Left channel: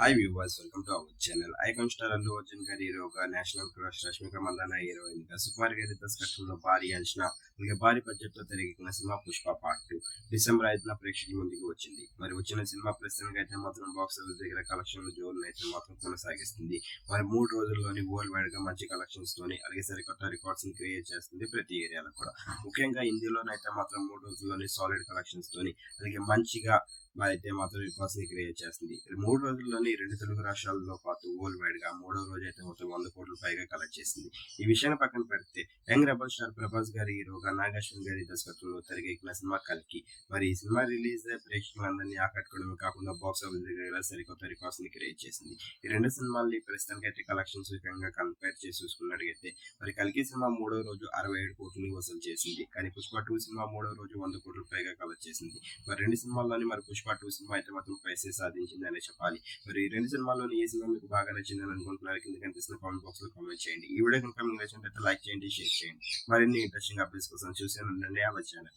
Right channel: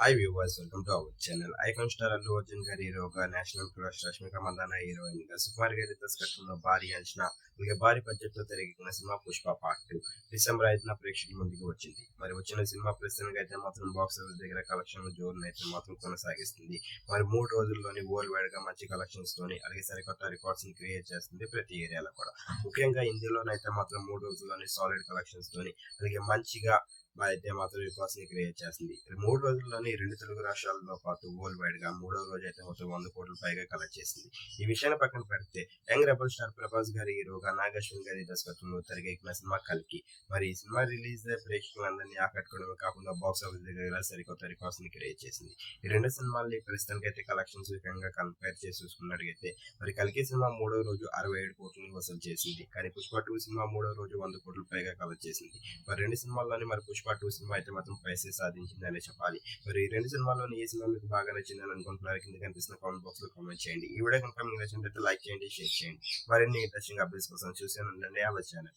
Hi viewers, welcome to our channel. Icon star Allu Arjun గారి హీరోగా, national crush Rashmika Mandanna heroine గా, సుకుమార్ గారి దర్శకత్వంలో భారీ అంచనా అలాగే భారీ బడ్జెట్ తో తెరకెక్కిన సినిమా పుష్ప పార్ట్ 2 డిసెంబర్ 5న ప్రేక్షకుల ముందుకు వచ్చింది. మరి వచ్చిన సినిమా ప్రస్తుతానికి అయితే మాత్రం బాక్స్ ఆఫీస్ దగ్గర కలెక్షన్ జోరును అయితే మాత్రం కొనసాగిస్తుంది. మరి 3 రోజుల్లోని వరల్డ్ వైడ్ గా మంచి కలెక్షన్స్ తోని అలాగే సరికొత్త రికార్డ్స్ ని క్రియేట్ చేస్తుంది ప్రతి ఏరియాలో కూడా. ముఖ్యంగా హిందీలోనైతే మాత్రం 3 రోజుల్లోని సాలిడ్ కలెక్షన్స్ తోని అలాగే మంచిగా అయితే మాత్రం రికార్డ్స్ ని క్రియేట్ చేస్తుంది. 3 రోజుల్లోని 2 తెలుగు రాష్ట్రాలతో పాటు వరల్డ్ వైడ్ గా 3వ రోజు అయితే మొత్తం 100 కోట్ల పైగా కలెక్ట్ చేసింది. ఈ విషయాన్ని పక్కన పెడితే యంగ్ రెబల్ స్టార్ ప్రభాస్ గారి హీరోగా, నాగేశ్వర్ గారి దర్శకత్వంలో తెరకెక్కిన సినిమా కల్కి. మరి ఈ సినిమా రిలీజ్ ప్రేక్షకులందరినీ ఆకట్టుకోవడమే కాకుండా బాక్స్ ఆఫీస్ దగ్గర సరికొత్త రికార్డ్స్ ని క్రియేట్ చేసింది. ఈ రెండు సినిమాల్ని ప్రస్తుతానికి అయితే కలెక్షన్స్ విషయంగా కంపేర్ చేసి చూసుకున్నట్లయితే మరి కల్కి సినిమా 3వ రోజు 67 కోట్లని వసూలు చేసింది. కానీ పుష్ప 2 సినిమా 3వ రోజు 100 కోట్ల పైగా కలెక్ట్ చేసింది. మరి రెండు సినిమాల్లోని మరి పుష్ప 2 సినిమా అయితే మాత్రం పైసే సాధించింది అనే చెప్పాలి. మరి ఈ రెండు సినిమాల్లోని ఏ సినిమా మీకు బాగా నచ్చిందని అనుకుంటున్నారు? కింద కనిపిస్తున్న కామెంట్ బాక్స్ లో కామెంట్ చేయండి. ఈ వీడియో కనుక మీకు నచ్చినట్లయితే లైక్ చేయండి, షేర్ చేయండి. మరిన్ని ఇంట్రెస్టింగ్ అప్డేట్స్ కోసం చూస్తూనే ఉండండి అవర్ ఛానల్.